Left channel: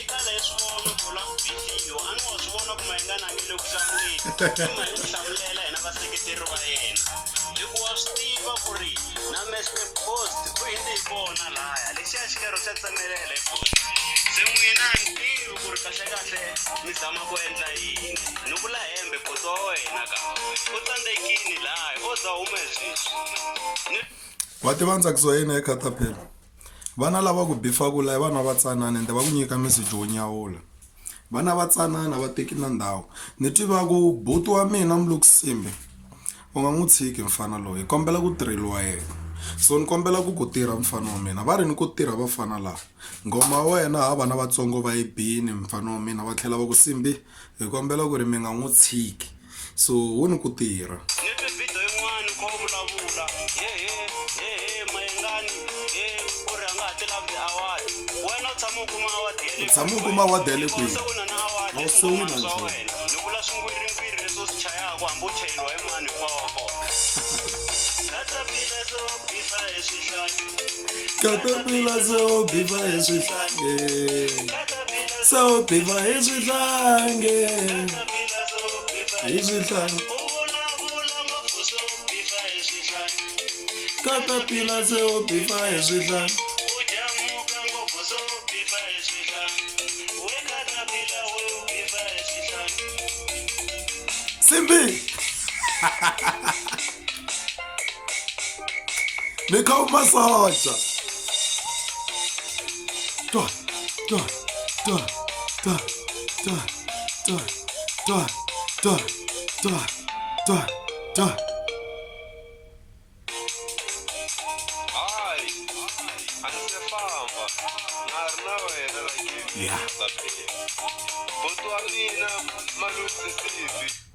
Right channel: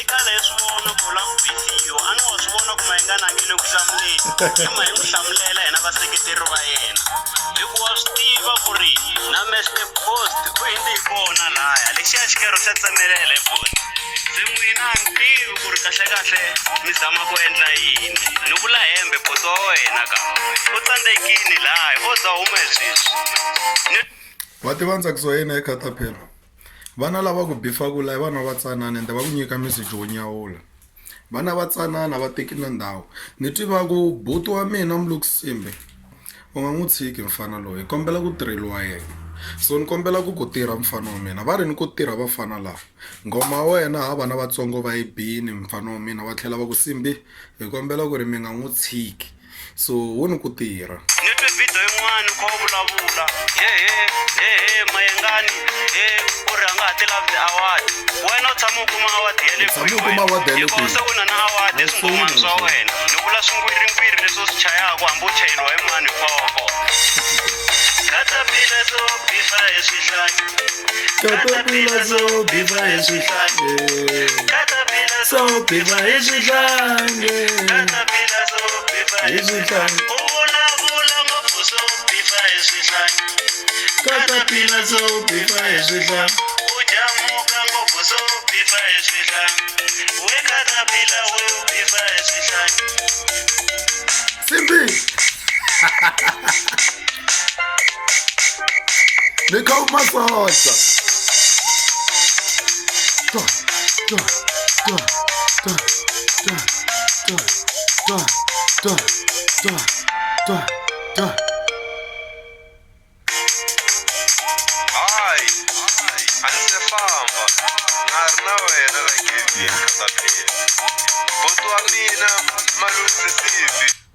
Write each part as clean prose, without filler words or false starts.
eka leswi vona ku la video a ni wa swi vona ku mayingana ngile ku hlamuleni ma hi ku hlamulela hina vaseketeri va yena hikuva swi tiva ku ri na Mr Post ku hindi hi kona laya lexiya xikero xa tsemelela post se n'wina ni tivi ku ri kahle mi zama ku endla yini ni vula hembe post wa wena ka u tsandzekini laya o za huma sweswi wa tiva ntsakisi wa yena eka khataphila vana lava ku beefa ku la vana va tsanana ende va ku nyika message wo nyawula vana va tsanana va teki na ndhawu ni tiva ku buti wa mina NSIMBI u nga n'wi tshiki mfana loyi kombela ku tirheliwa yena so ni kombela ku tirha mfana wa mina va ri ni ku tirha vafana lava ngoma wena ha vana vatsongo va yi bini mfana wa mina va tlhela va ku Simbi hi kombela ku ri mi nga n'wi tshiki so wu ni ku tirha ni twe video yin'wana ko vulavula mayengani ku ri a nga ha ti lavi ti-award wena u tshama u kuma award ya le tshama u kuma award ya le kwihi se u na na award eswingomani swa wena ni vula swingwiringwiri leswi u swi chayaka hambi u chayeriwa hi mani foko khataphila so beefa hi swihlangi khataphila so beefa hi swihlangi so beefa hi swihlangi hi swihlangi khataphila so beefa hi swihlangi Simbi ni kha umasodza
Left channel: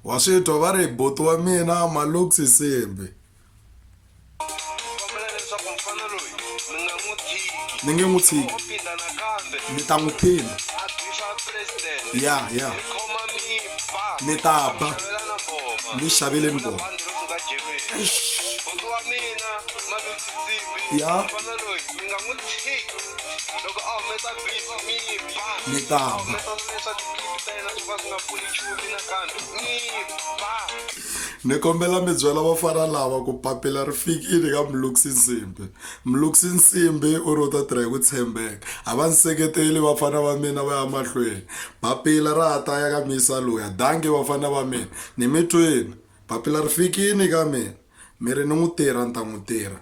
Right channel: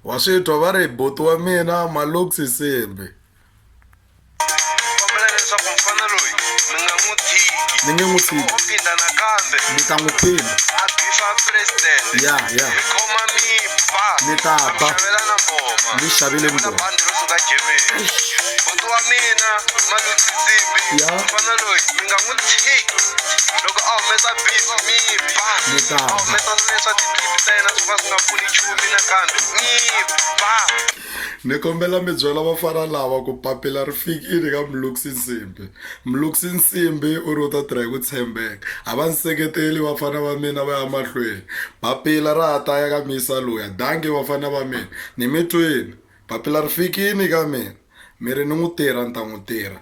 wa switwa va ri buti wa mina NSIMBI ni nge n'wi tshiki ni ta n'wi phinda ya ni ta ba ni xavile mboma ya ni ta ba ni kombela mi byela vafana lava ku papila ri fikile ka NSIMBI u ri u ta tirha hi ku tshembeka a va ni seketeli vafana va mina va ya mahlweni papila ra ha ta ya ka misa loya dangi vafana va mina ni mi twini papila ri fikile ka mina mi ri ni n'wi tirha ni ta n'wi tirha